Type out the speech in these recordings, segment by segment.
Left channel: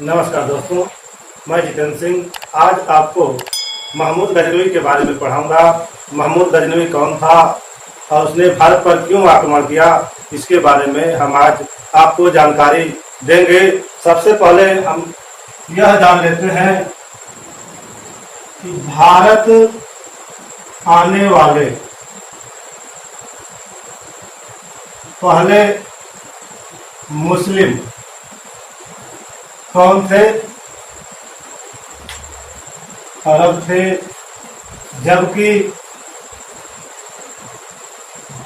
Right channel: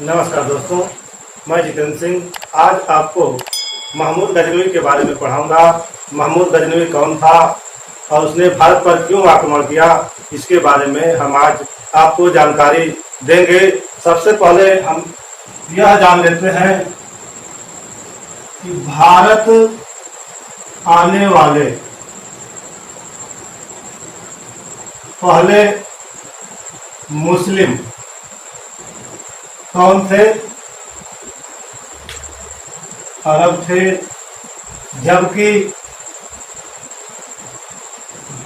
नमस्कार दोस्तों, मैं जितेंद्र सिंह आज आपको महमूद गजनवी के बारे में पढ़ाऊंगा। महमूद गजनवी कौन था और उसने भारत पर क्यों आक्रमण किया, इसके बारे में हम आज आपको जानकारी देंगे। सबसे पहले हम यह जान लेते हैं कि भारत आने वाले पहले मुस्लिम कौन थे? अरब थे। जबकि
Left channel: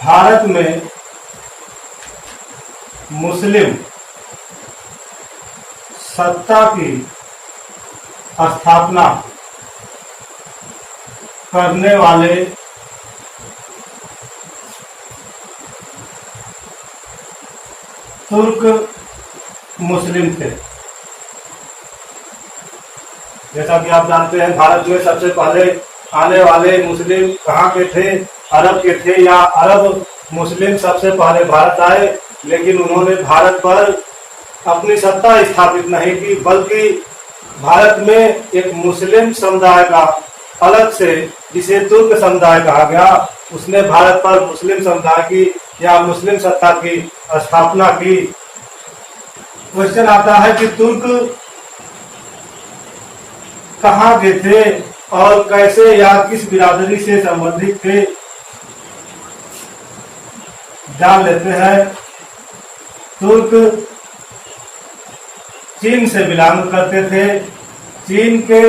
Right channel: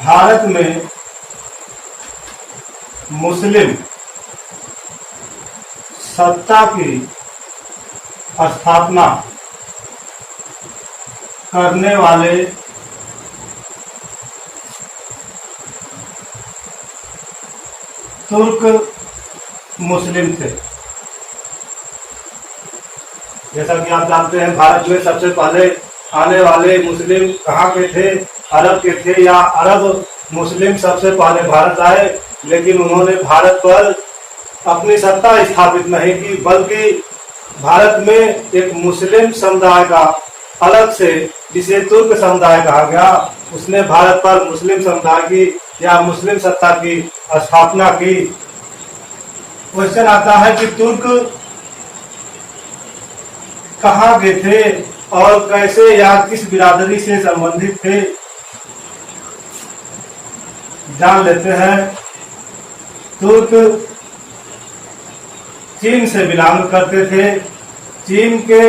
भारत में मुस्लिम सत्ता की स्थापना करने वाले तुर्क मुस्लिम थे। जैसा कि आप जानते हैं, भारत में सबसे पहले आने वाले मुस्लिम कहाँ के थे? अरब के थे, या अरब मुस्लिम सबसे पहले भारत आए, लेकिन उन्होंने भारत पर अपनी सत्ता स्थापित नहीं की, बल्कि भारत में एक मुस्लिम समुदाय का अलग से, जिसे तुर्क समुदाय कहा गया, उसने भारत पर मुस्लिम समुदाय की या मुस्लिम सत्ता की स्थापना की। क्वेश्चन आता है कि तुर्क कहाँ के थे और कैसे या किस बिरादरी से संबंधित थे, जान लेते हैं। तुर्क चीन से बिलोंग करते थे। चीन के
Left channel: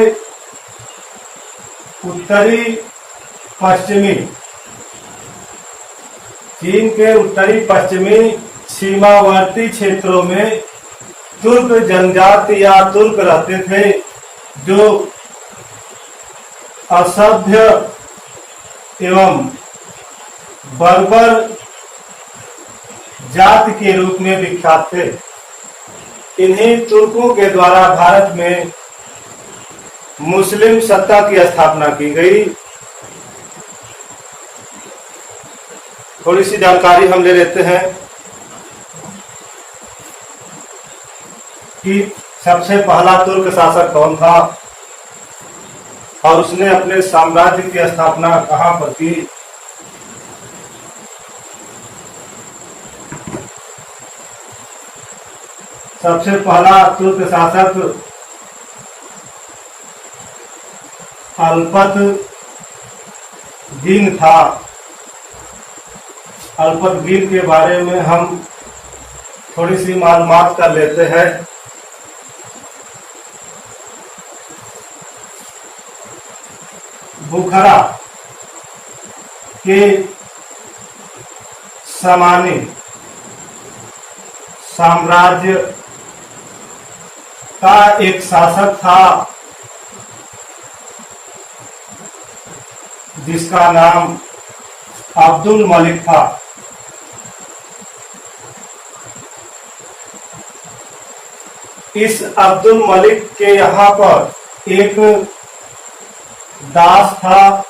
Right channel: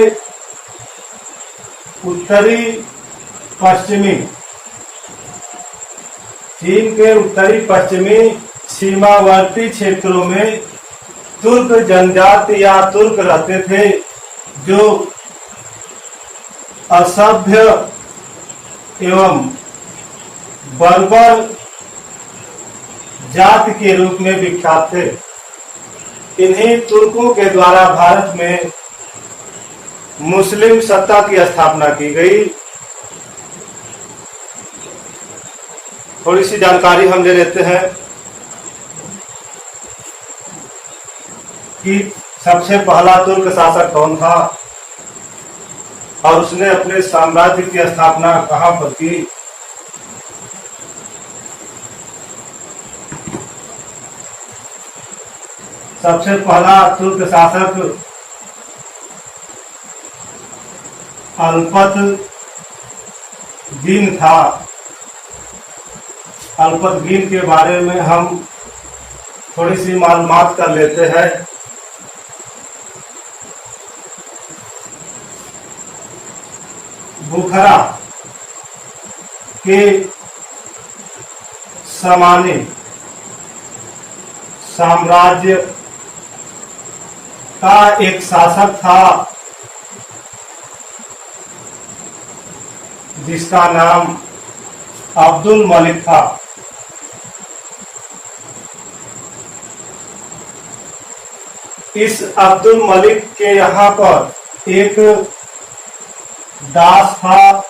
उत्तरी पश्चिमी सीमावर्ती क्षेत्रों में तुर्क जनजाति या तुर्क रहते थे, जो असभ्य एवं बर्बर जाति के रूप में विख्यात थे। इन्हीं तुर्कों के द्वारा भारत में मुस्लिम सत्ता की स्थापना की गई। थोड़ी सी जानकारी हम ले लेते हैं कि सबसे पहला तुर्क शासक कौन था और उसने अपने साम्राज्य की स्थापना कहां पर की। सबसे पहला तुर्क शासक अल्पतगीन था। अल्पतगीन के बारे में हम थोड़ी सी मालूमात कर लेते हैं। बुखरा के सामानी साम्राज्य का एक शासक था, जिसका नाम अब्दुल मलिक था। इस अब्दुल मलिक के यहाँ पर एक दास था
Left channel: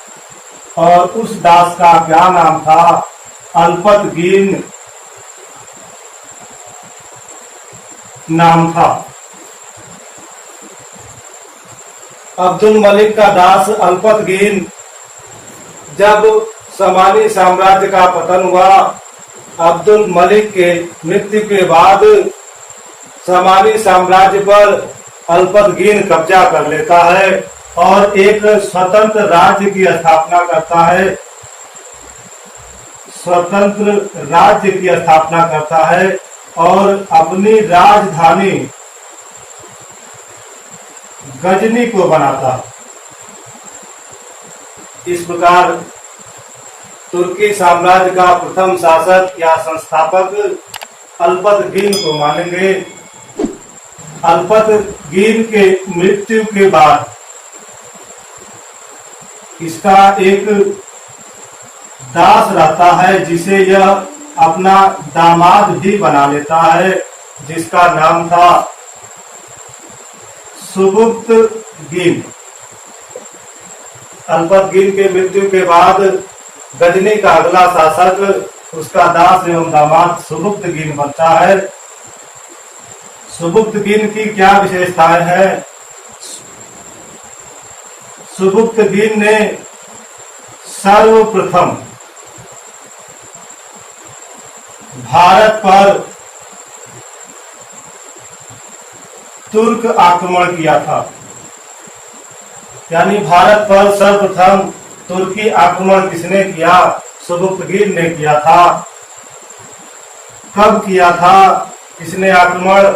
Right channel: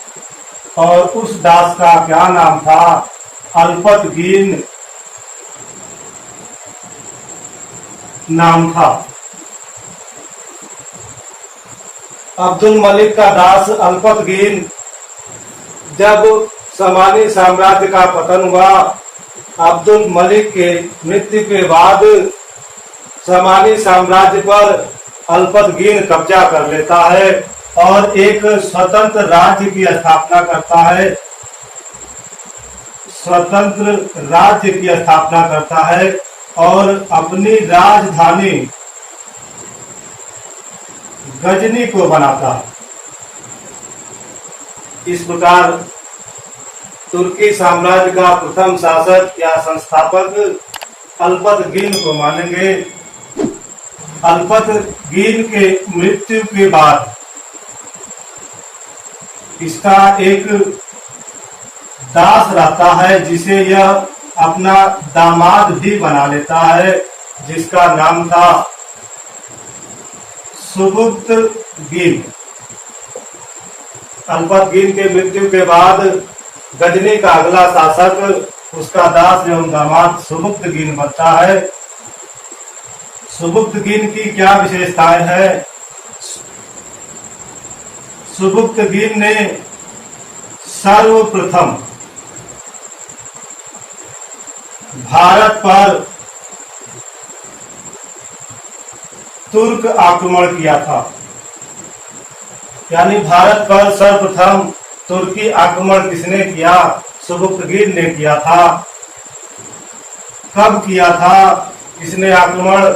और उस दास का क्या नाम था? अल्पतगीन नाम था। अब्दुल मलिक का दास अल्पतगीन, जब समानी साम्राज्य का पतन हुआ, अब्दुल मलिक के मृत्यु के बाद समानी साम्राज्य पर अल्पतगीन कब्जा कर लेता है और एक स्वतंत्र राज्य की स्थापना करता है। स्वतंत्र राज्य की स्थापना करता है और अपनी राजधानी गजनी को बनाता है। इस प्रकार तुर्की साम्राज्य का प्रथम शासक या संस्थापक अल्पतगीन को मानेंगे। अल्पतगीन के मृत्यु के बाद इसका एक दास रहता है, जिसे यह अपना दामाद भी बना लेता है, जिसका नाम था सुबुक्तगीन। अल्पतगीन के मृत्यु के बाद गजनी का अगला शासक उसका दास एवं दामाद सुबुक्तगीन बनता है। सुबुक्तगीन की क्या विशेषताएं हैं? सुबुक्तगीन ने सर्वप्रथम भारत पर तुर्क आक्रमण किया था। यानी भारत पर सर्वप्रथम तुर्की आक्रमण किसने किया? सुबुक्तगीन ने किया था। कब किया था इसने आक्रमण?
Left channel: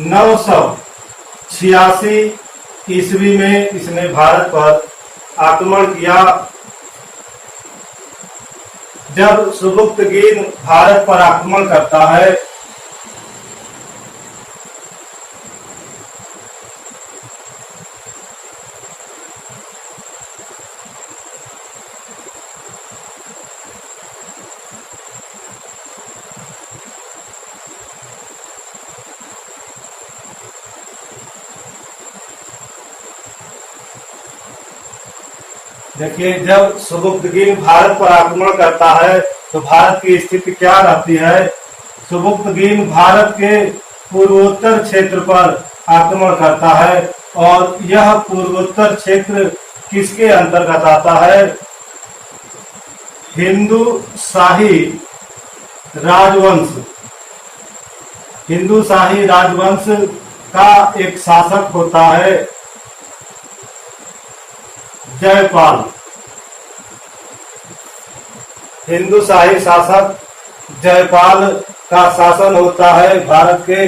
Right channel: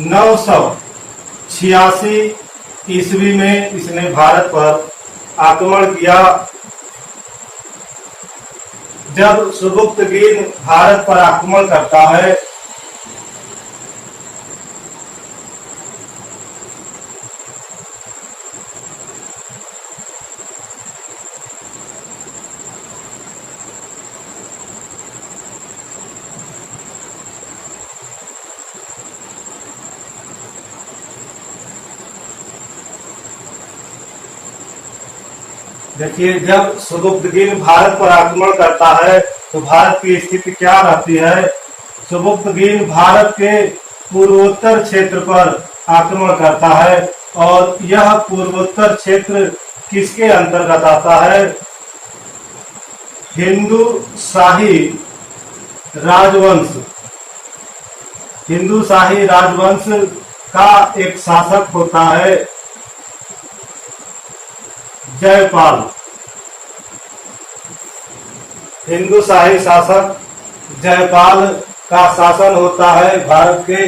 986 ईस्वी में इसने भारत पर आक्रमण किया। जब सुबुक्तगीन भारत पर आक्रमण करता है देखिए, जब सुबुक्तगीन भारत पर आक्रमण करता है तो भारत की स्थिति क्या रहती है? सुबुक्तगीन भारत के पूर्वोत्तर क्षेत्र पर आक्रमण करता है और यह पूर्वोत्तर क्षेत्र किसके अंतर्गत आता है? हिंदू शाही राजवंश। हिंदू शाही राजवंश का एक शासक होता है जयपाल। हिंदू शाही शासक जयपाल का शासन होता है भारत के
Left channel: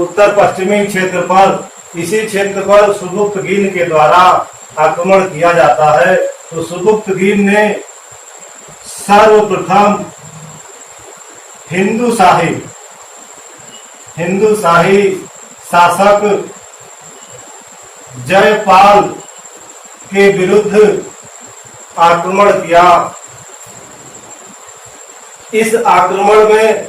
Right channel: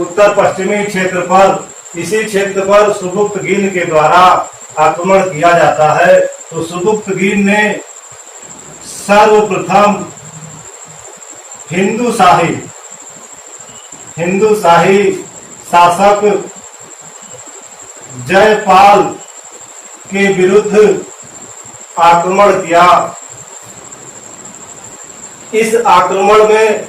उत्तर पश्चिमी क्षेत्र पर। इसी क्षेत्र पर सुबुक्तगीन के द्वारा आक्रमण किया जाता है। तो सुबुक्तगीन ने सर्वप्रथम हिंदू शाही शासक जयपाल के विरुद्ध आक्रमण किया। इस आक्रमण में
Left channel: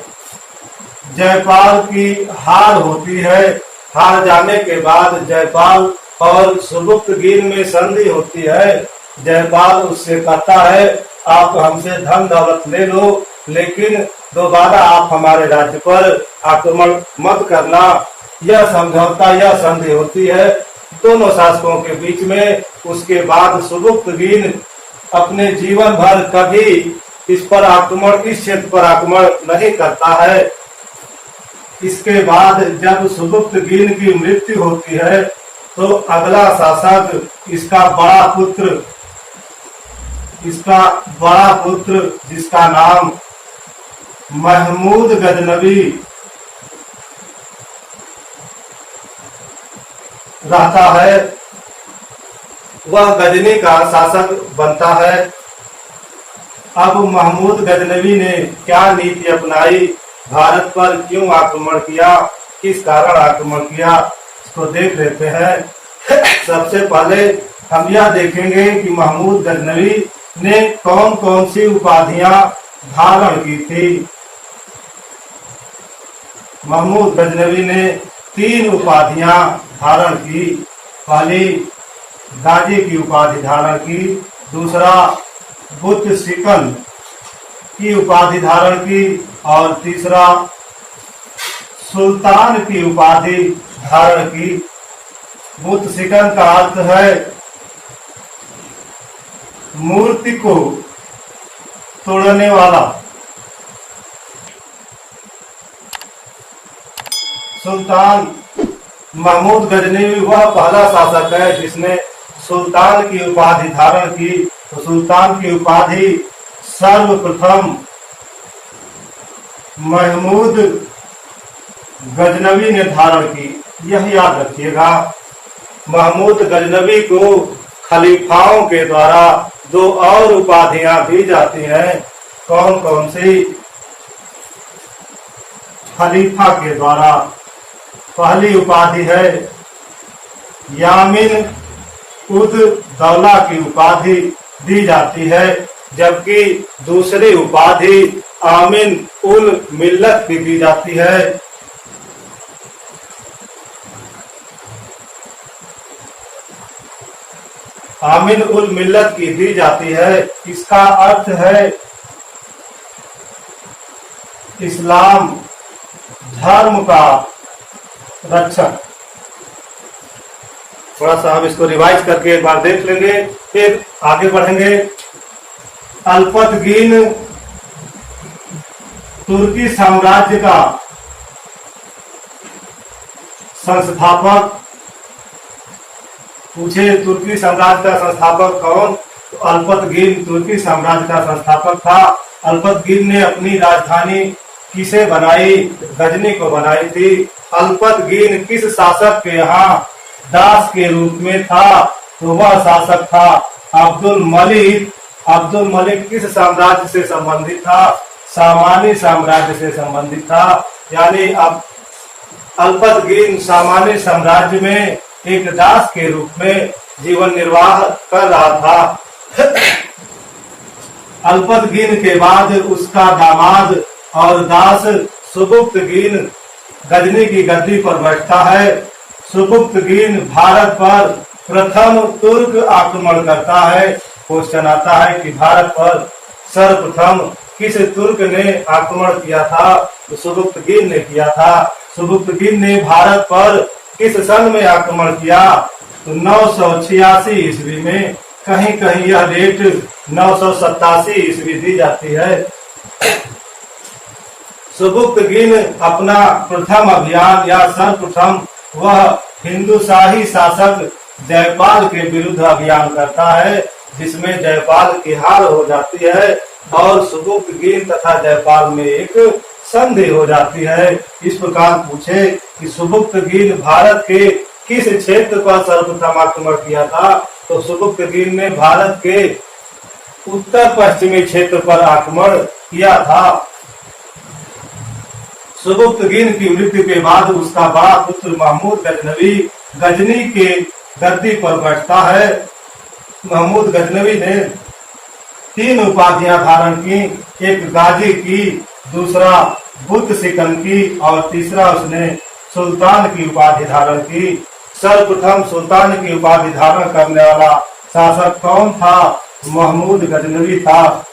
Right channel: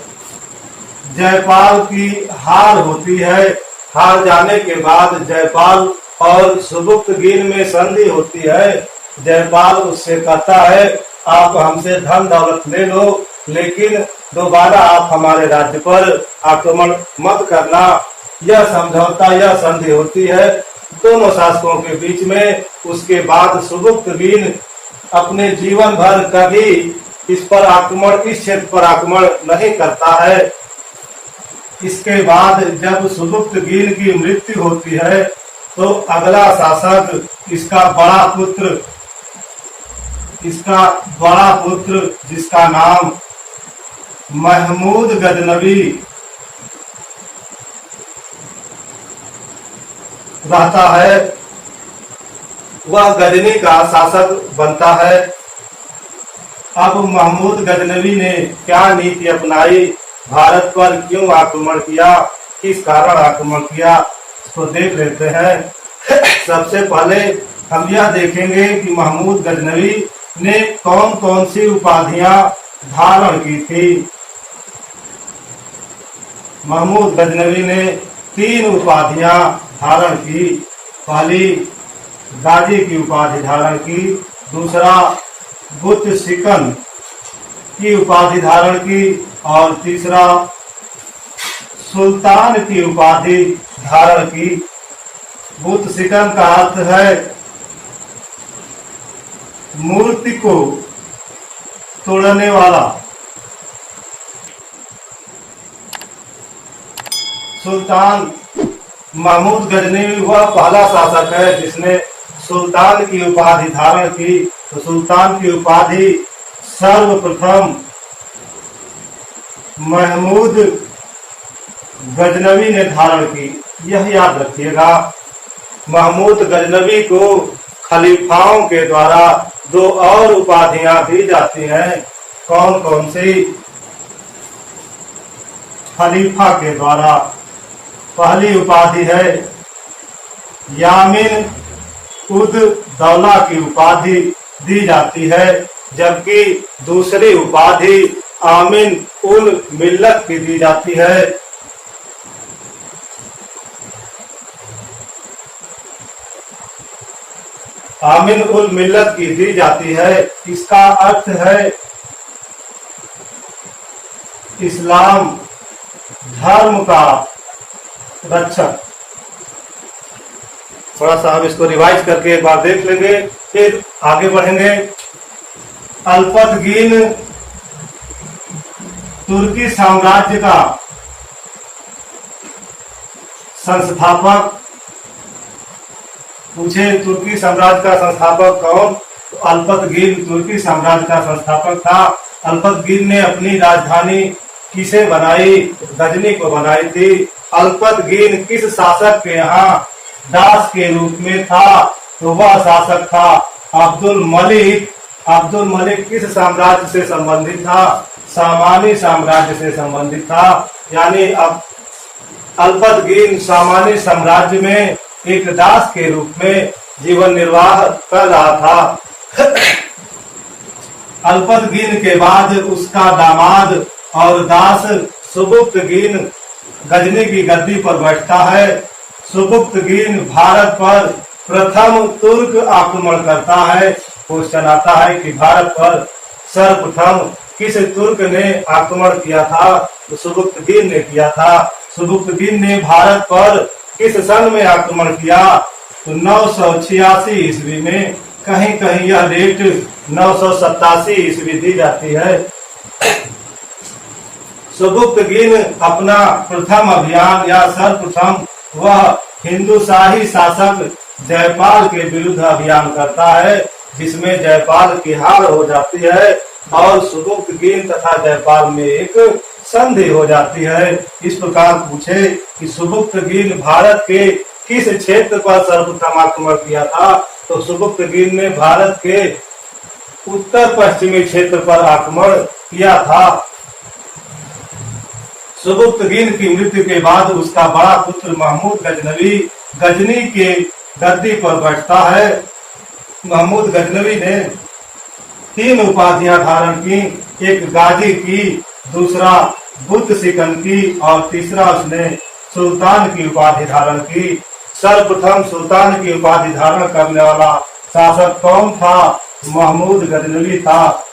जयपाल की हार होती है। हार जाने के बाद जयपाल और सुबुक्तगीन में संधि होती है। जयपाल उससे कहता है, आप हमसे धन दौलत ले लो, लेकिन दोबारा आप हमारे राज्य पर आक्रमण मत करना। यह समझौता, यह संधि होती है दोनों शासकों के बीच में। उसके बाद सुबुक्तगीन अपने जीवन भर कभी इस क्षेत्र पर आक्रमण नहीं करता है। इसके बाद जब सुबुक्तगीन की मृत्यु होती है तो अगला शासक इसका बड़ा पुत्र जिसका नाम महमूद गजनवी रहता है, वह गजनी का शासक बनता है। अब महमूद गजनवी ने क्या नीति अपनाई, भारत पर क्यों आक्रमण किया, किस कारण आक्रमण किया, इसको देख लेते हैं। सबसे पहले हम यह देखेंगे कि महमूद गजनवी ने कौन कौन सी उपाधियां धारण की थी। महमूद गजनवी ने 3 उपाधियां धारण की। पहली गाजी की उपाधि धारण की, दूसरा बुत सिकन की उपाधि धारण की और तीसरा सुल्तान की उपाधि धारण की। बुत सिकन का अर्थ है मूर्ति को तोड़ने वाला। सुल्तान महमूद गजनवी वह पहला शासक है जिसने सुल्तान की उपाधि धारण की। तो सुल्तान की उपाधि सर्वप्रथम महमूद गजनवी ने धारण की। यह याद रखिएगा, महमूद गजनवी को खलीफाओं के द्वारा 2 और उपाधियां दी जाती हैं। कौन कौन सी? खलीफा के द्वारा पहली उपाधि है यामिन उद दौला की उपाधि दी जाती है, जबकि दूसरी उपाधि आमिन उल मिल्लत की दी जाती है। आमिन उल मिल्लत की दी जाती है। इसका अर्थ है इस्लाम धर्म का रक्षक। थोड़ा सा हम इसको रिवाइज करके एक बार देख लेंगे, फिर आगे बढ़ेंगे। अल्पतगीन तुर्की साम्राज्य का संस्थापक। पूछे तुर्की साम्राज्य का संस्थापक कौन? तो अल्पतगीन तुर्की साम्राज्य का संस्थापक था। अल्पतगीन ने अपनी राजधानी किसे बनाई? गजनी को बनाई थी। अल्पतगीन किस शासक के यहाँ दास के रूप में था? तो वह शासक था अब्दुल मलिक। अब्दुल मलिक किस साम्राज्य से संबंधित था? सामानी साम्राज्य से संबंधित था। यानी अब अल्पतगीन सामानी साम्राज्य में एक दास के रूप में जीवन निर्वाह कर रहा था। अल्पतगीन के बाद उसका दामाद और दास सुबुक्तगीन गजनी की गद्दी पर बैठता है। सुबुक्तगीन भारत पर प्रथम तुर्क आक्रमण करता है। क्वेश्चन आता है कि भारत पर सर्वप्रथम किस तुर्क ने आक्रमण किया था? तो सुबुक्तगीन ने किया था। सुबुक्तगीन ने भारत पर किस सन में आक्रमण किया? तो 986 ईस्वी में। कहीं कहीं यह डेट 987 ईस्वी दी जाती है। सुबुक्तगीन अपना प्रथम अभियान या सर्वप्रथम वह हिंदुशाही शासक जयपाल के विरुद्ध अभियान करता है, जिसमें जयपाल की हार हो जाती है और सुबुक्तगीन तथा जयपाल में एक संधि हो जाती है। इस प्रकार पूछे कि सुबुक्तगीन भारत के किस क्षेत्र पर सर्वप्रथम आक्रमण किया था? तो सुबुक्तगीन ने भारत के उत्तर पश्चिमी क्षेत्र पर आक्रमण किया था। सुबुक्तगीन की मृत्यु के बाद उसका बड़ा पुत्र महमूद गजनवी गजनी के गद्दी पर बैठता है। महमूद गजनवी ने 3 उपाधियां धारण की। एक गाजी की, दूसरा बुद्ध सिकन की और तीसरा उसने सुल्तान की उपाधि धारण की। सर्वप्रथम सुल्तान की उपाधि धारण करने वाला शासक कौन था? महमूद गजनवी था।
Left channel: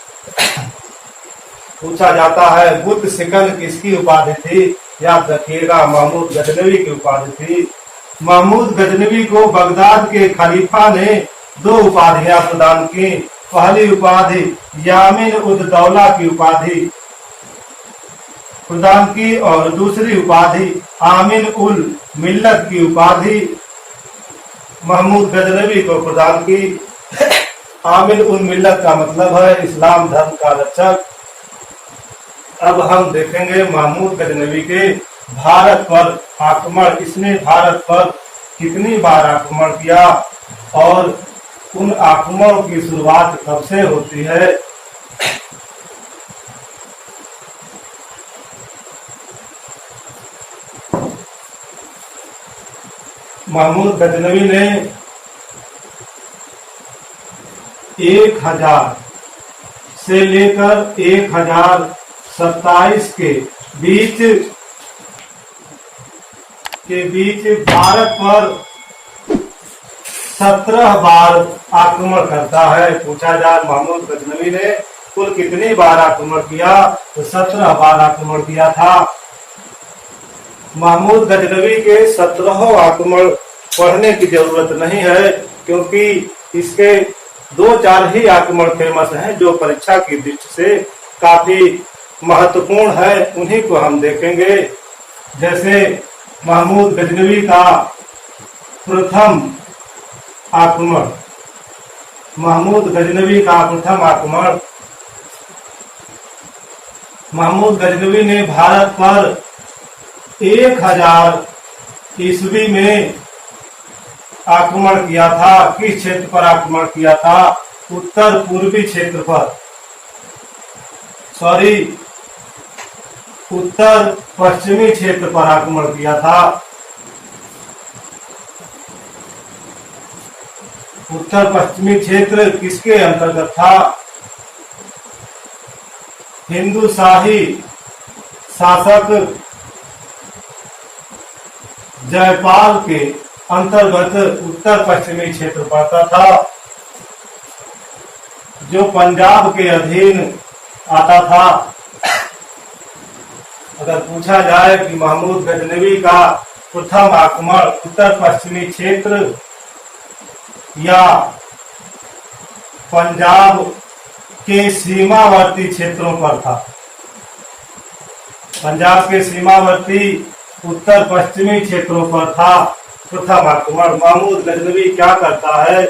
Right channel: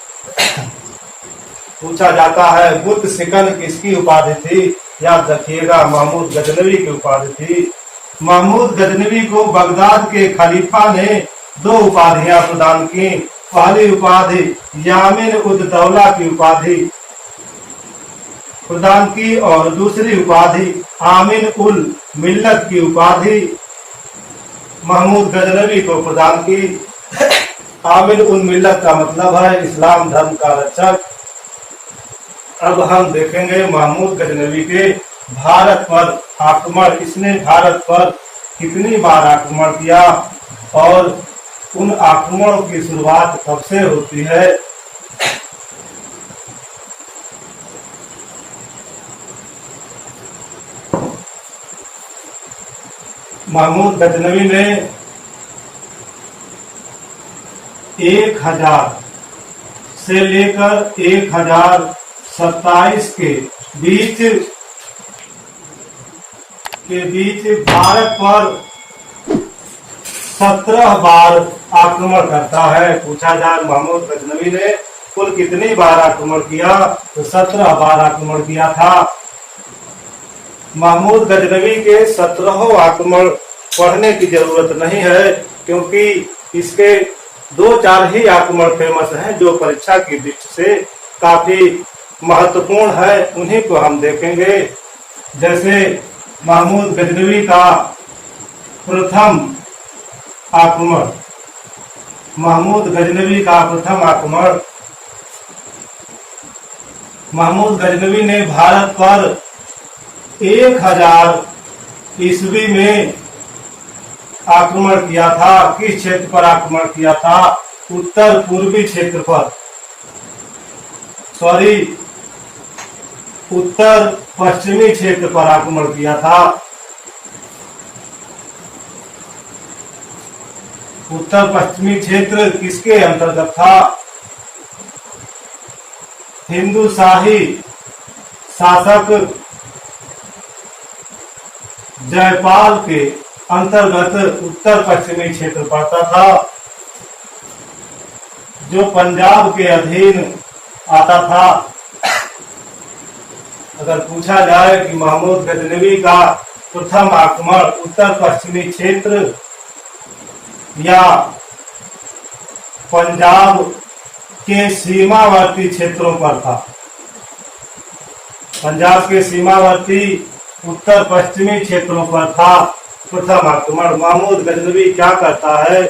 पूछा जाता है बुद्ध सिकन किसकी उपाधि थी? याद रखिएगा महमूद गजनवी की उपाधि थी। महमूद गजनवी को बगदाद के खलीफा ने 2 उपाधियां प्रदान की। पहली उपाधि यामिन उद दौला की उपाधि प्रदान की और दूसरी उपाधि आमिन उल मिल्लत की उपाधि महमूद गजनवी को प्रदान की। आमिन उल मिल्लत का मतलब है इस्लाम धर्म का रक्षक। अब हम देखेंगे महमूद गजनवी के भारत पर आक्रमण। इसने भारत पर कितनी बार आक्रमण किया और उन आक्रमणों की शुरुआत कब से होती है? महमूद गजनवी ने 1000 से लेकर 1027 के बीच भारत पर 17 बार आक्रमण करता है। पूछा जाए महमूद गजनवी ने कुल कितनी बार आक्रमण किया? तो 17 बार आक्रमण किया था। महमूद गजनवी के 17 आक्रमण पढ़ने की जरूरत नहीं है, क्योंकि इसके 2-4 ही आक्रमण फेमस हैं जो परीक्षा की दृष्टि से काफी महत्वपूर्ण है। उन्हीं को हम देखेंगे। जैसे महमूद गजनवी का प्रथम आक्रमण। महमूद गजनवी का प्रथम आक्रमण। महमूद गजनवी ने भारत पर 1000 ईस्वी में आक्रमण किया था। किस क्षेत्र पर आक्रमण किया था? उत्तर पूर्वी क्षेत्र पर, उत्तर पश्चिमी क्षेत्र पर आक्रमण किया था। उत्तर पश्चिमी क्षेत्र किसके अंतर्गत था? हिंदुशाही शासक जयपाल के अंतर्गत उत्तर पश्चिमी क्षेत्र पड़ता था, जो पंजाब के अधीन आता था। अगर पूछा जाए कि महमूद गजनवी का प्रथम आक्रमण उत्तर पश्चिमी क्षेत्र या पंजाब के सीमावर्ती क्षेत्रों पर था, पंजाब के सीमावर्ती उत्तर पश्चिमी क्षेत्रों पर था प्रथम आक्रमण। महमूद गजनवी क्या करता है,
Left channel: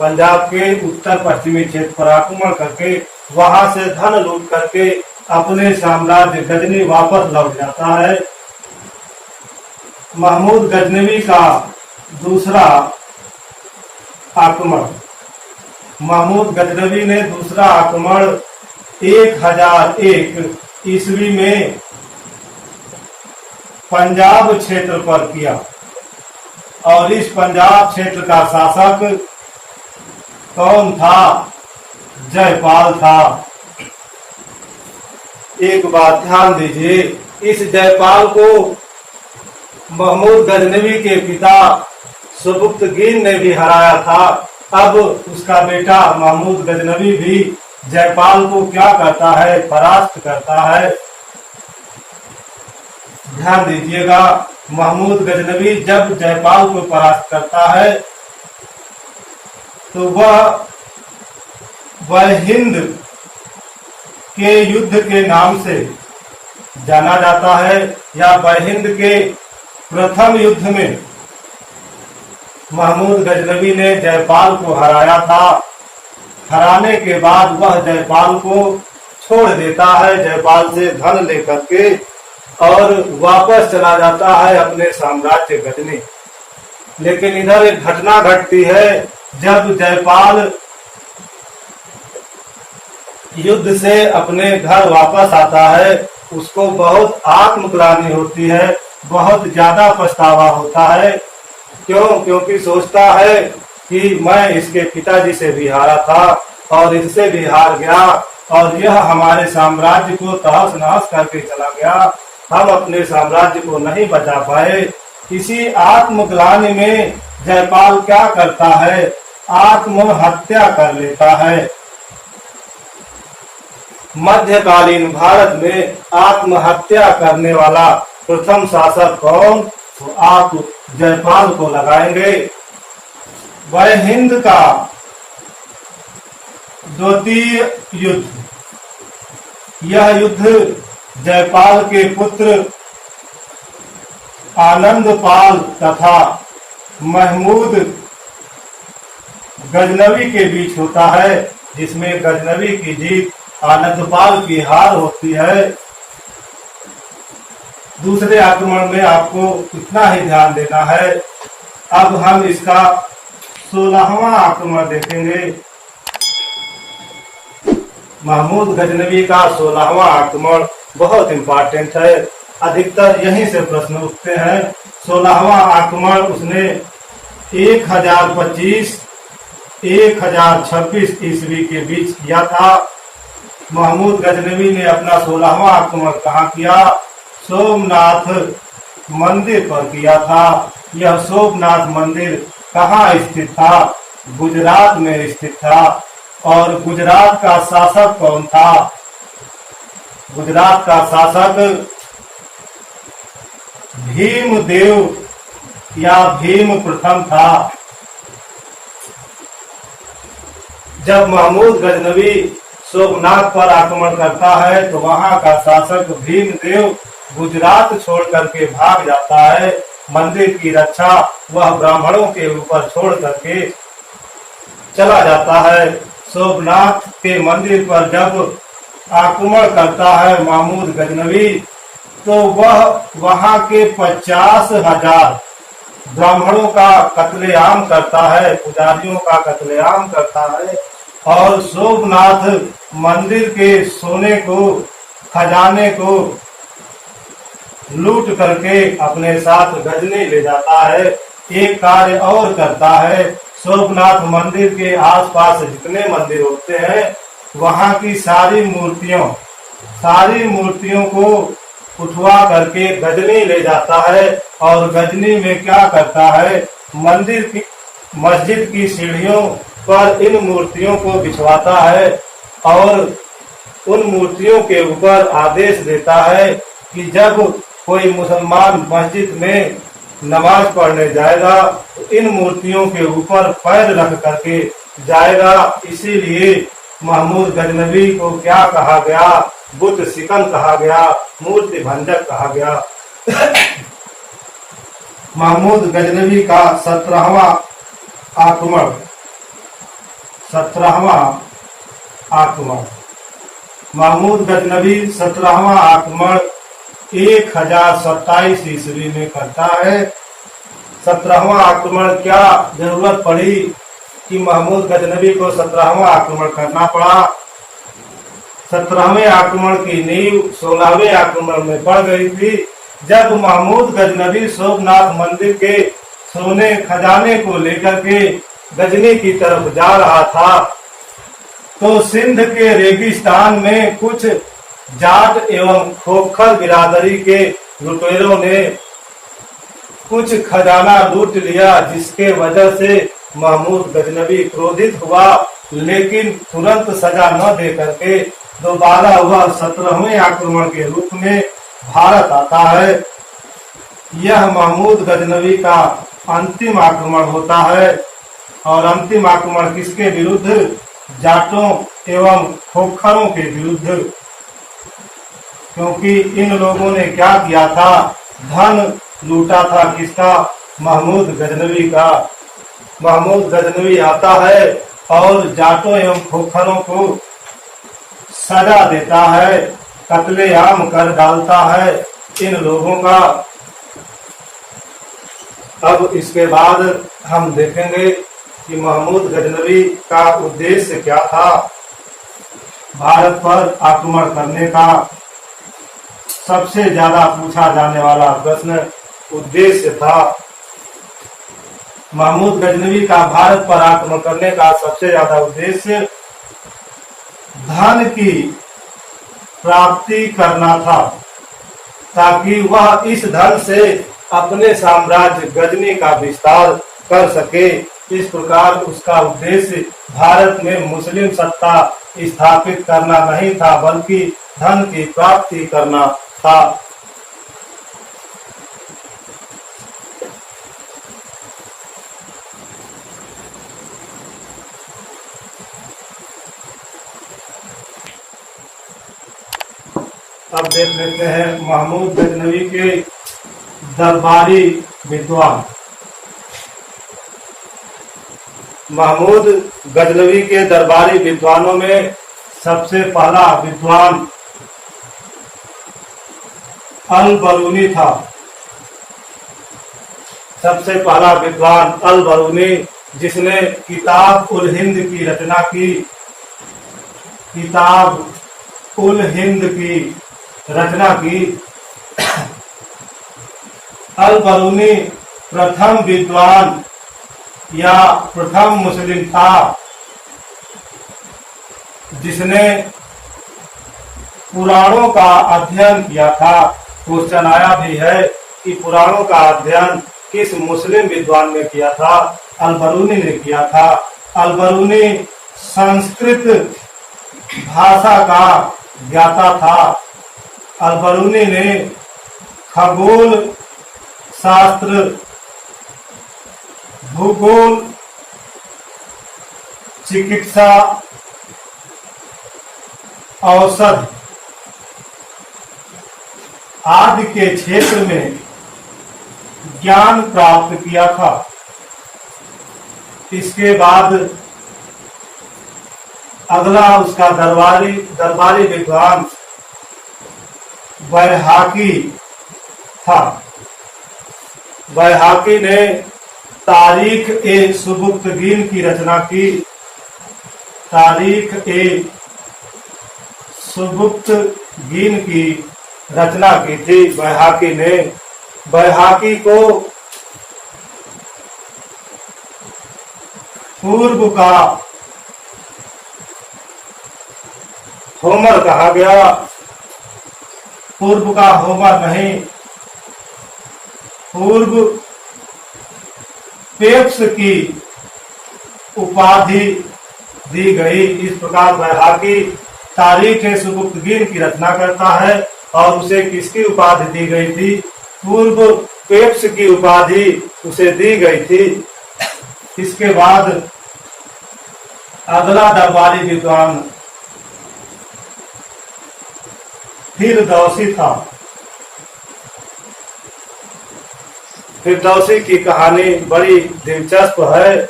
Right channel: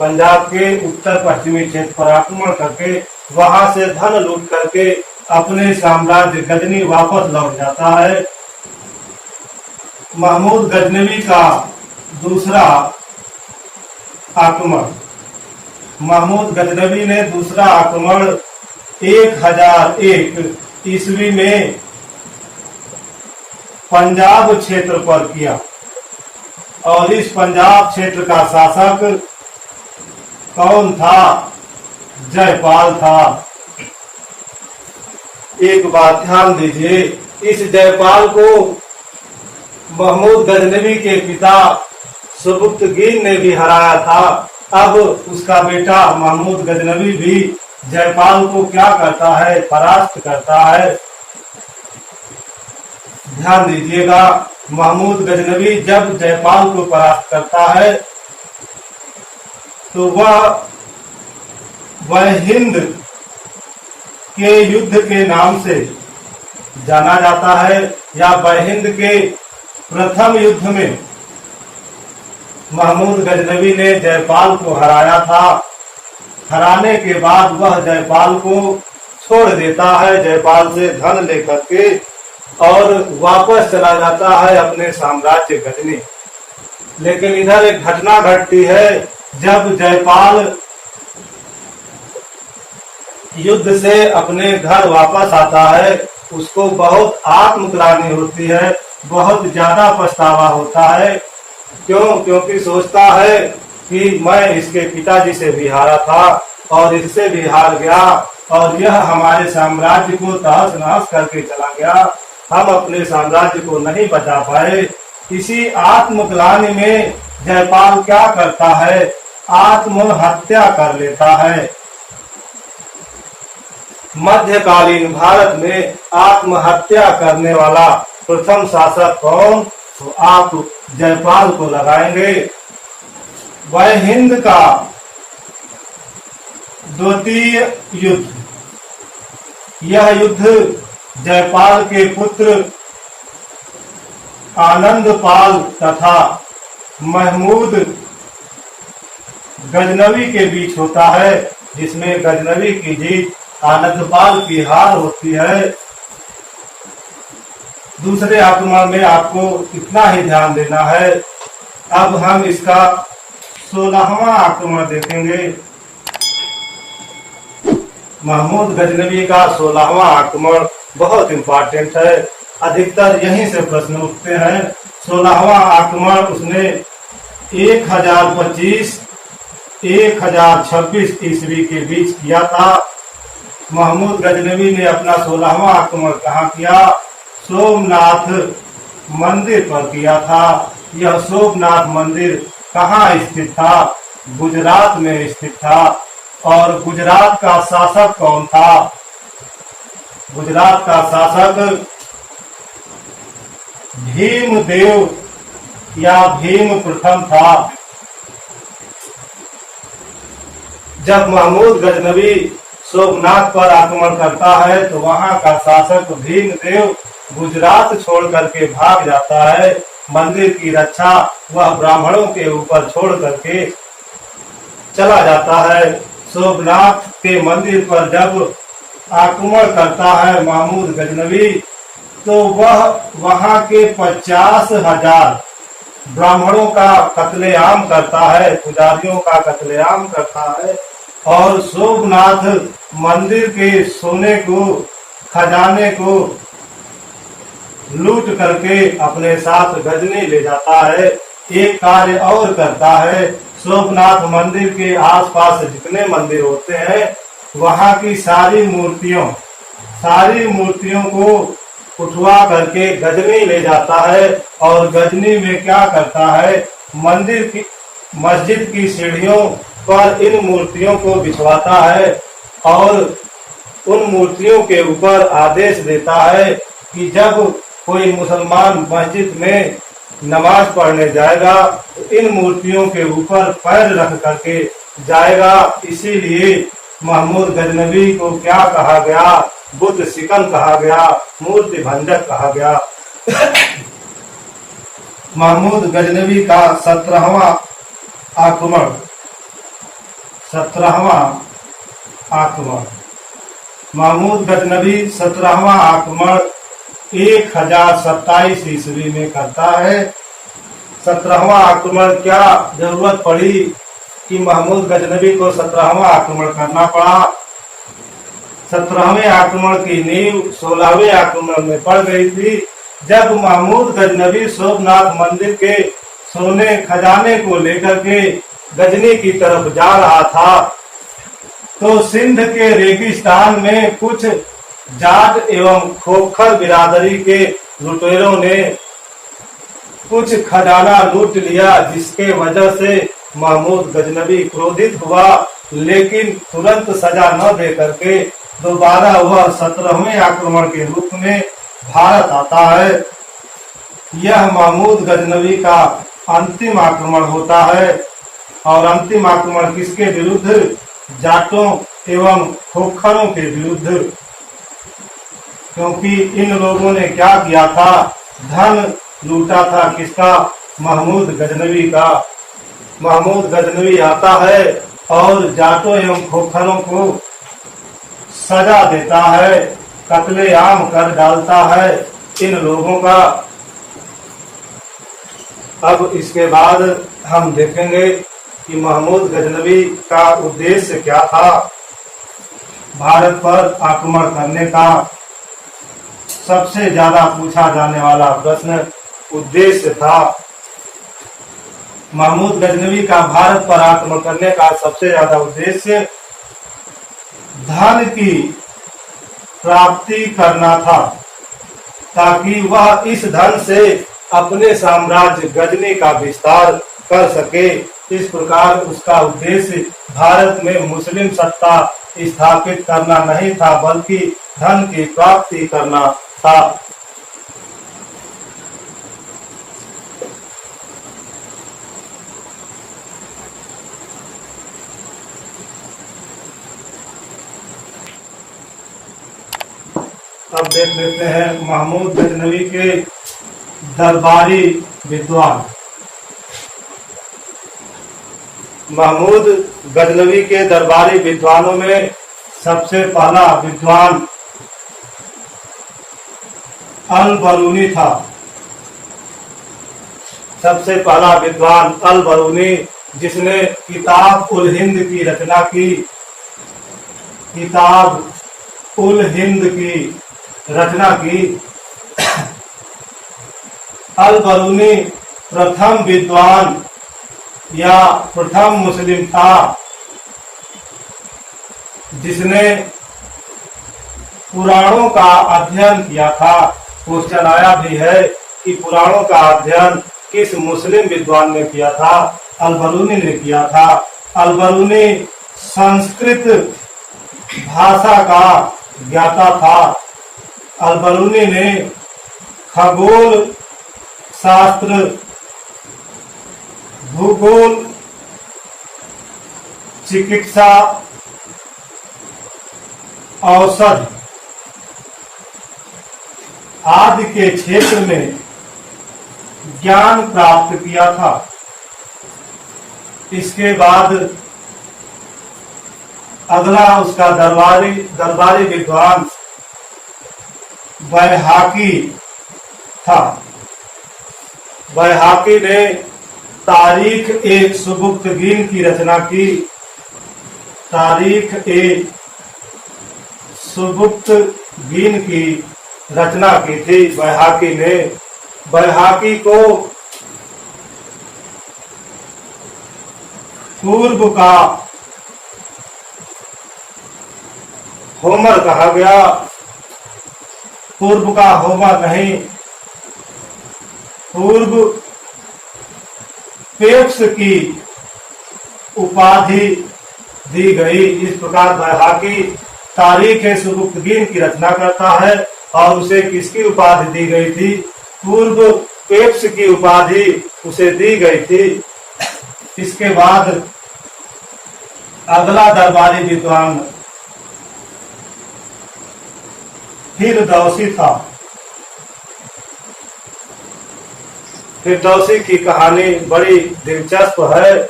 पंजाब के उत्तर पश्चिमी क्षेत्र पर आक्रमण करके वहां से धन लूट करके अपने साम्राज्य गजनी वापस लौट जाता है। महमूद गजनवी का दूसरा आक्रमण, महमूद गजनवी ने दूसरा आक्रमण 1001 ईस्वी में पंजाब क्षेत्र पर किया और इस पंजाब क्षेत्र का शासक कौन था? जयपाल था। एक बात ध्यान दीजिए, इस जयपाल को महमूद गजनवी के पिता सुबुक्तगीन ने भी हराया था। अब उसका बेटा महमूद गजनवी भी जयपाल को क्या करता है? परास्त करता है। ध्यान दीजिएगा, महमूद गजनवी जब जयपाल को परास्त करता है तो वह हिंद के युद्ध के नाम से जाना जाता है, या बहिंद के प्रथम युद्ध में महमूद गजनवी ने जयपाल को हराया था। हराने के बाद वह जयपाल को छोड़ देता है, जयपाल से धन लेकर के, और वापस चला जाता है अपने साम्राज्य गजनी। लेकिन इधर एक घटना घटती है, जब जयपाल युद्ध से अपने घर वापस आता है, उसको बहुत आत्मग्लानि होती है, बहुत ज्यादा पछतावा होता है। क्यों? क्योंकि सोचता है कि मैं इसके पिताजी से भी हारा था और इससे भी हार गया और यह हमारे साम्राज्य को तहस नहस करके चला गया, हम अपने साम्राज्य को नहीं बचा पाए। इसी आत्मग्लानि में जयपाल क्या करता है? आत्महत्या कर लेता है। मध्यकालीन भारत में आत्महत्या करने वाला प्रथम शासक कौन? तो आप जयपाल को लगाएंगे। वह हिंद का द्वितीय युद्ध, यह युद्ध जयपाल के पुत्र आनंदपाल तथा महमूद गजनवी के बीच होता है, जिसमें गजनवी की जीत, आनंदपाल की हार होती है। दूसरे आक्रमण में आपको इतना ही ध्यान देना है। अब हम इसका 16वां आक्रमण देखेंगे। महमूद गजनवी का 16वां आक्रमण बहुत इंपॉर्टेंट है, अधिकतर यहीं से प्रश्न उठते हैं। 16वां आक्रमण उसने 1025-1026 ईस्वी के बीच किया था। महमूद गजनवी ने अपना 16वां आक्रमण कहाँ किया? सोमनाथ मंदिर पर किया था। यह सोमनाथ मंदिर कहाँ स्थित था? गुजरात में स्थित था। और गुजरात का शासक कौन था? गुजरात का शासक भीमदेव या भीम प्रथम था। जब महमूद गजनवी सोमनाथ पर आक्रमण करता है तो वहां का शासक भीमदेव गुजरात छोड़ करके भाग जाता है। मंदिर की रक्षा वह ब्राह्मणों के ऊपर छोड़ करके चला जाता है। सोमनाथ के मंदिर पर जब आक्रमण करता है महमूद गजनवी, तो वह वहां के 50,000 ब्राह्मणों का कत्लेआम करता है, पुजारियों का कत्लेआम करता है और सोमनाथ मंदिर के सोने को, खजाने को लूट करके अपने साथ गजनी ले जाता है। एक कार्य और करता है, सोमनाथ मंदिर के आसपास जितने मंदिर होते हैं वहां की सारी मूर्तियों को उठवा करके गजनी ले जाता है और गजनी में क्या करता है? मस्जिद की सीढ़ियों पर इन मूर्तियों को बिछवाता है और उन मूर्तियों के ऊपर आदेश देता है कि जब कोई मुसलमान मस्जिद में नमाज पढ़ने जाएगा तो इन मूर्तियों के ऊपर पैर रख करके जाएगा। इसीलिए महमूद गजनवी को क्या कहा गया? बुत सिकम कहा गया, मूर्ति भंजक कहा गया। महमूद गजनवी का 17वां आक्रमण महमूद गजनवी 17वां आक्रमण 1027 ईस्वी में करता है। 17वां आक्रमण क्या जरूरत पड़ी कि महमूद गजनवी को 17वां आक्रमण करना पड़ा? 17वें आक्रमण की नींव 16वें आक्रमण में पड़ गई थी, जब महमूद गजनवी सोमनाथ मंदिर के सोने खजाने को लेकर के गजनी की तरफ जा रहा था, तो सिंध के रेगिस्तान में कुछ जाट एवं खोखर बिरादरी के लुटेरों ने कुछ खजाना लूट लिया, जिसके वजह से महमूद गजनवी क्रोधित हुआ, लेकिन तुरंत सजा न दे करके दोबारा वह 17वें आक्रमण के रूप में भारत आता है। यह महमूद गजनवी का अंतिम आक्रमण होता है। और अंतिम आक्रमण किसके विरुद्ध? जाटों एवं खोखरों के विरुद्ध, क्योंकि इन लोगों ने क्या किया था? धन लूटा था। किसका? महमूद गजनवी का। महमूद गजनवी आता है और जाटों एवं खोखरों को सजा देता है, कत्लेआम कर डालता है इन लोगों का। अब इसके बाद हम देखेंगे कि महमूद गजनवी का उद्देश्य क्या था। भारत पर आक्रमण करने का सबसे ज्यादा पूछा जाने वाला प्रश्न उद्देश्य था। महमूद गजनवी का भारत पर आक्रमण करने का सबसे ज्यादा उद्देश्य धन की प्राप्ति करना था, ताकि वह इस धन से अपने साम्राज्य गजनी का विस्तार कर सके। इस प्रकार उसका उद्देश्य भारत में मुस्लिम सत्ता स्थापित करना नहीं था, बल्कि धन की प्राप्ति करना था। अब देख लेते हैं महमूद गजनवी के दरबारी विद्वान। महमूद गजनवी के दरबारी विद्वानों में सबसे पहला विद्वान अल बरूनी था। सबसे पहला विद्वान अल बरूनी, जिसने किताब उल हिंद की रचना की। किताब उल हिंद की रचना की। अल बरूनी प्रथम विद्वान या प्रथम मुस्लिम था जिसने पुराणों का अध्ययन किया था। क्वेश्चन आया भी है कि पुराणों का अध्ययन किस मुस्लिम विद्वान ने किया था? अल बरूनी ने किया था। अल बरूनी संस्कृत भाषा का ज्ञाता था। अल बरूनी ने खगोल शास्त्र, भूगोल, चिकित्सा, औषध आदि के क्षेत्र में ज्ञान प्राप्त किया था। इसके बाद अगला उसका दरबारी विद्वान बैहाकी था। बैहाकी ने तारीख ए सुबुक्तगीन की रचना की। तारीख ए सुबुक्तगीन की रचना की थी बैहाकी ने। बैहाकी को पूर्व का होमर कहा गया। पूर्व का होमर नहीं, पूर्व पेप्स की उपाधि दी गई। इस प्रकार बैहाकी तारीख सुबुक्तगीन की रचना करता है और उसे किसकी उपाधि दी गई थी? पूर्व पेप्स की उपाधि उसे दी गई थी। इसके बाद अगला दरबारी विद्वान फिरदौसी था। फिरदौसी की कहानी बड़ी दिलचस्प है।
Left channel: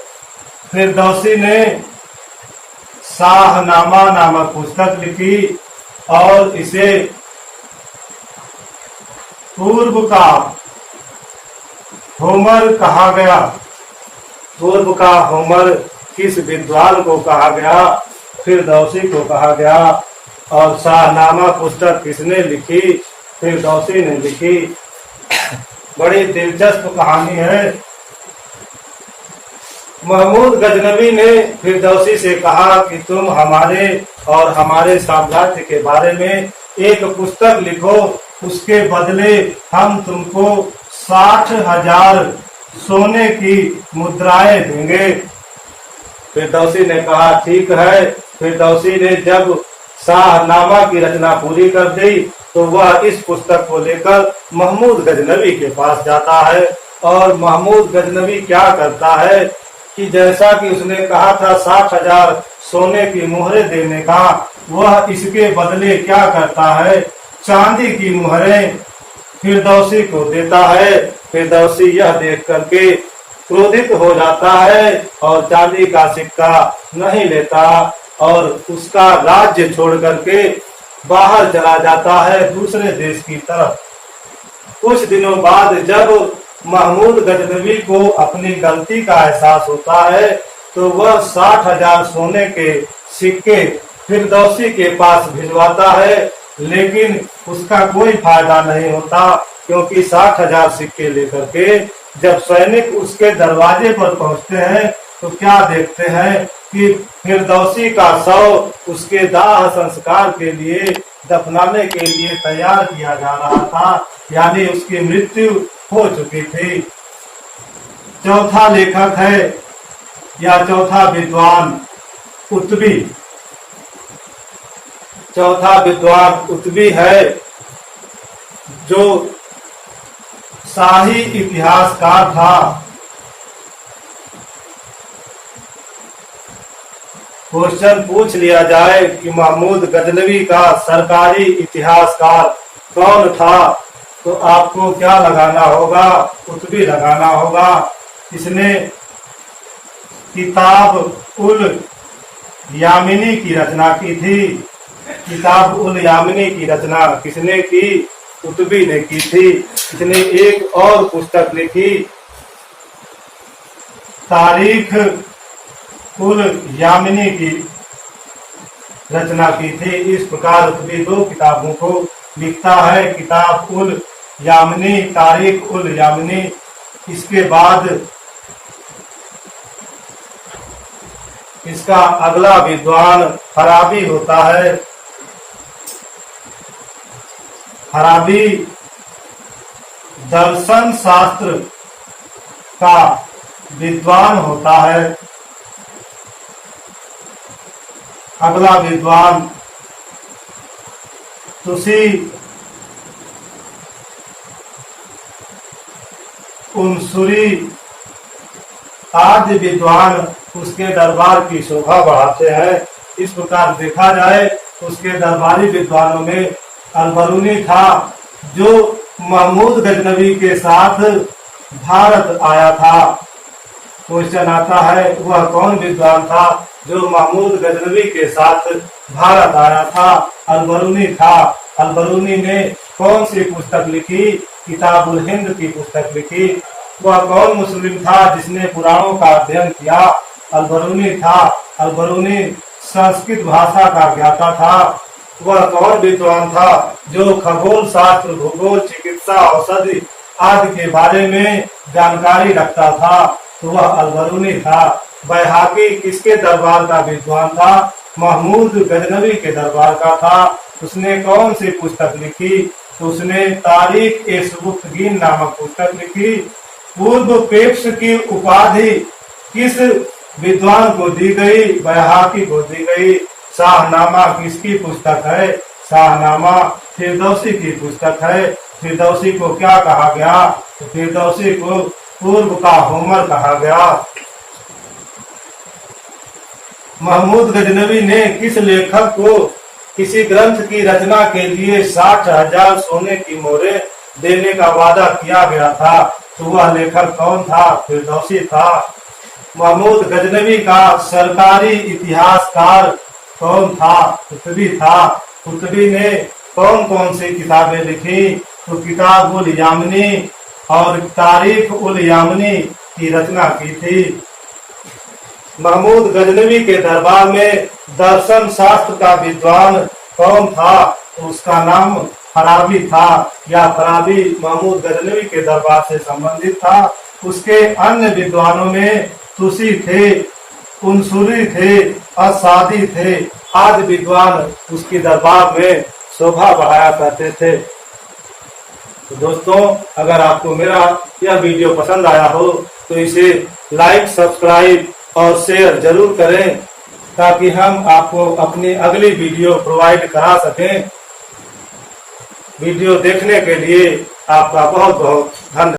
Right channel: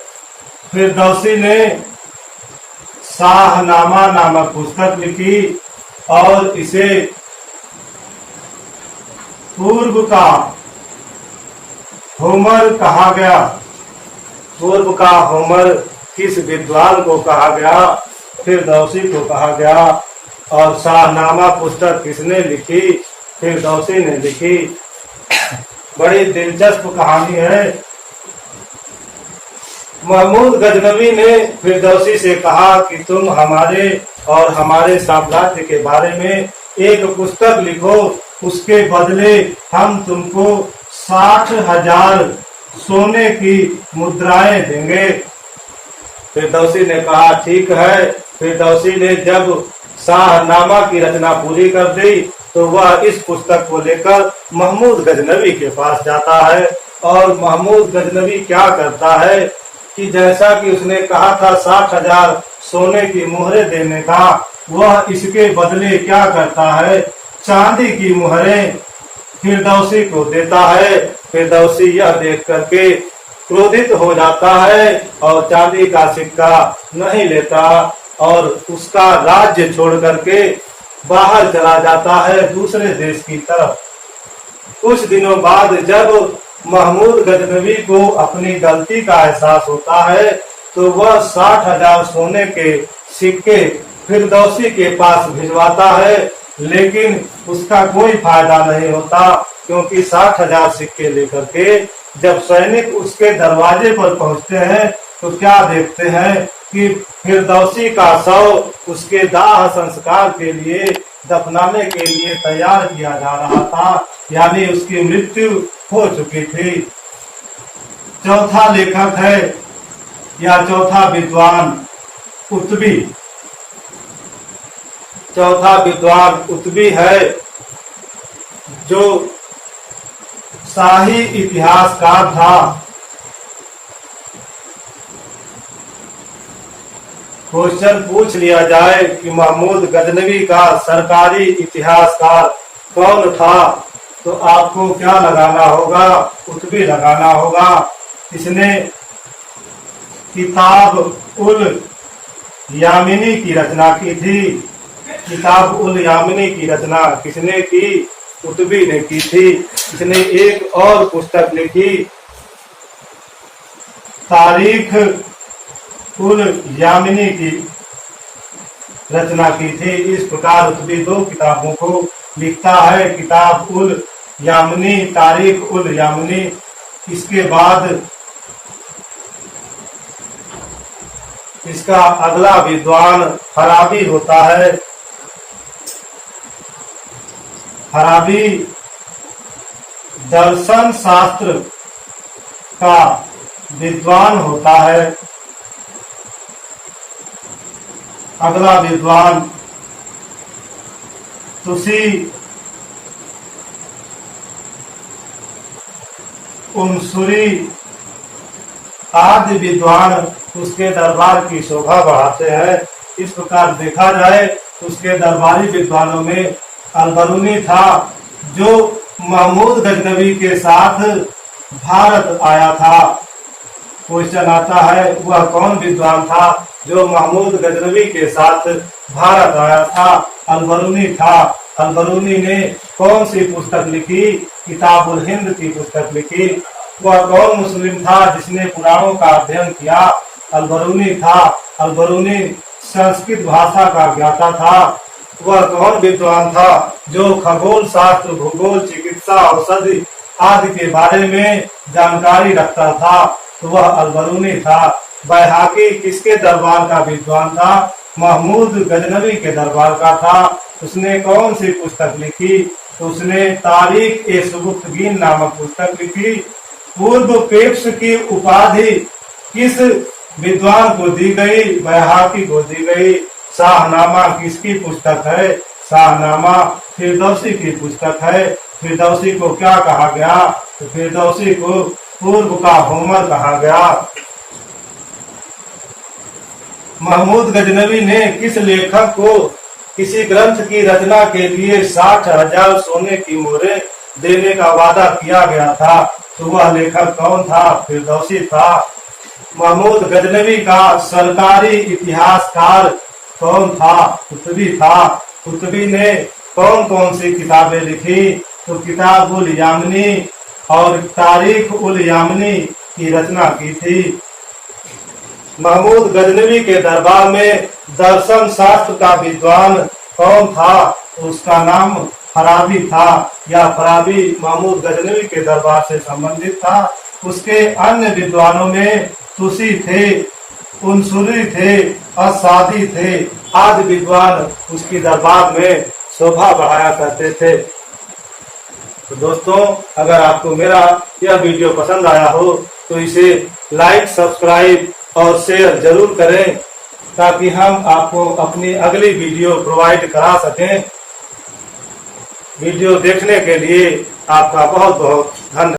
फिरदौसी ने शाहनामा नामक पुस्तक लिखी और इसे पूर्व का होमर कहा गया। पूर्व का होमर किस विद्वान को कहा गया? फिरदौसी को कहा गया। और शाहनामा पुस्तक किसने लिखी? फिरदौसी ने लिखी। बड़ी दिलचस्प कहानी है। महमूद गजनवी ने फिरदौसी से कहा कि तुम हमारे और हमारे साम्राज्य के बारे में एक पुस्तक लिखो, उसके बदले हम तुमको 60,000 सोने की मुद्राएं देंगे। फिरदौसी ने कहा ठीक है। फिरदौसी ने जब शाहनामा की रचना पूरी कर दी तो वह इस पुस्तक को लेकर महमूद गजनवी के पास जाता है और महमूद गजनवी क्या करता है कि जैसा कि उसने कहा था 60,000 सोने की मुहरें देने का, वह इसके बदले क्या करता है? चांदी की मुहरें फिरदौसी को देता है। फिरदौसी यह देख करके क्रोधित हो जाता है और चांदी का सिक्का नहीं लेता और उसका राज्य छोड़ करके बाहर चला जाता है दूसरे देश की तरफ। कुछ दिनों बाद जब महमूद गजनवी को अपनी गलती का एहसास होता है तो वह 60,000 सोने के सिक्के फिरदौसी के पास भिजवाता है, लेकिन उसका कोई फायदा नहीं होता क्योंकि 60,000 सिक्के लेकर के जब सैनिक उसके दरवाजे पर पहुंचते हैं तो क्या देखते हैं कि फिरदौसी का शव उसके दाह संस्कार के लिए, दफनाने के लिए तैयार किया जा रहा था, यानी उसकी मृत्यु हो चुकी थी। चौथा लेखक है या चौथा विद्वान उत्बी। चौथा विद्वान उत्बी है जो शाही इतिहासकार था। क्वेश्चन पूछ लिया जाए कि महमूद गजनवी का सरकारी इतिहासकार कौन था तो आपको क्या लगाना होगा? उत्बी लगाना होगा। इसने किताब उल यामिनी की रचना की थी। किताब उल यामिनी की रचना किसने की? उत्बी ने की थी। इसने एक और पुस्तक लिखी, तारीख उल यामिनी की रचना की थी। इस प्रकार उत्बी 2 किताबों को लिखता है, किताब उल यामिनी, तारीख उल यामिनी। इसके बाद इसका अगला विद्वान फराबी होता है। फराबी दर्शन शास्त्र का विद्वान होता है। अगला विद्वान तुसी उनसुरी आदि विद्वान उसके दरबार की शोभा बढ़ाते हैं। इस प्रकार देखा जाए तो उसके दरबारी विद्वानों में अलबरूनी था जो महमूद गजनवी के साथ भारत आया था। क्वेश्चन आता है वह कौन विद्वान था जो महमूद गजनवी के साथ भारत आया था? अलबरूनी था। अलबरूनी ने कौन सी पुस्तक लिखी? किताबुल हिंद की पुस्तक लिखी। वह कौन मुस्लिम था जिसने पुराणों का अध्ययन किया? अलबरूनी था। अलबरूनी संस्कृत भाषा का ज्ञाता था। वह कौन विद्वान था जो खगोल शास्त्र, भूगोल, चिकित्सा, औषधि आदि के बारे में जानकारी रखता था? तो वह अलबरूनी था। बैहाकी किसके दरबार का विद्वान था? महमूद गजनवी के दरबार का था। उसने कौन सी पुस्तक लिखी? तो उसने तारीख ए सुबुक्तगीन नामक पुस्तक लिखी। पूर्व पेप्स की उपाधि किस विद्वान को दी गई? बैहाकी को दी गई। शाहनामा किसकी पुस्तक है? शाहनामा फिरदौसी की पुस्तक है। फिरदौसी को क्या कहा गया? तो फिरदौसी को पूर्व का होमर कहा गया। महमूद गजनवी ने किस लेखक को किसी ग्रंथ की रचना के लिए 60,000 सोने की मोहरें देने का वादा किया गया था? तो वह लेखक कौन था? फिरदौसी था। महमूद गजनवी का सरकारी इतिहासकार कौन था? कुतुबी था। कुतुबी ने कौन कौन सी किताबें लिखी? तो किताब उल यामनी और तारीख उल यामनी की रचना की थी। महमूद गजनवी के दरबार में दर्शन शास्त्र का विद्वान कौन था? तो उसका नाम फराबी था, या फराबी महमूद गजनवी के दरबार से संबंधित था। उसके अन्य विद्वानों में तुसी थे, उनसुली थे, असादी थे आदि विद्वान उसके दरबार में शोभा बढ़ाया करते थे। तो दोस्तों, अगर आपको मेरा यह वीडियो पसंद आया हो तो इसे लाइक, सब्सक्राइब और शेयर जरूर करें, ताकि हम आपको अपनी अगली वीडियो प्रोवाइड करा सकें। वीडियो देखने के लिए आपका बहुत बहुत धन्यवाद।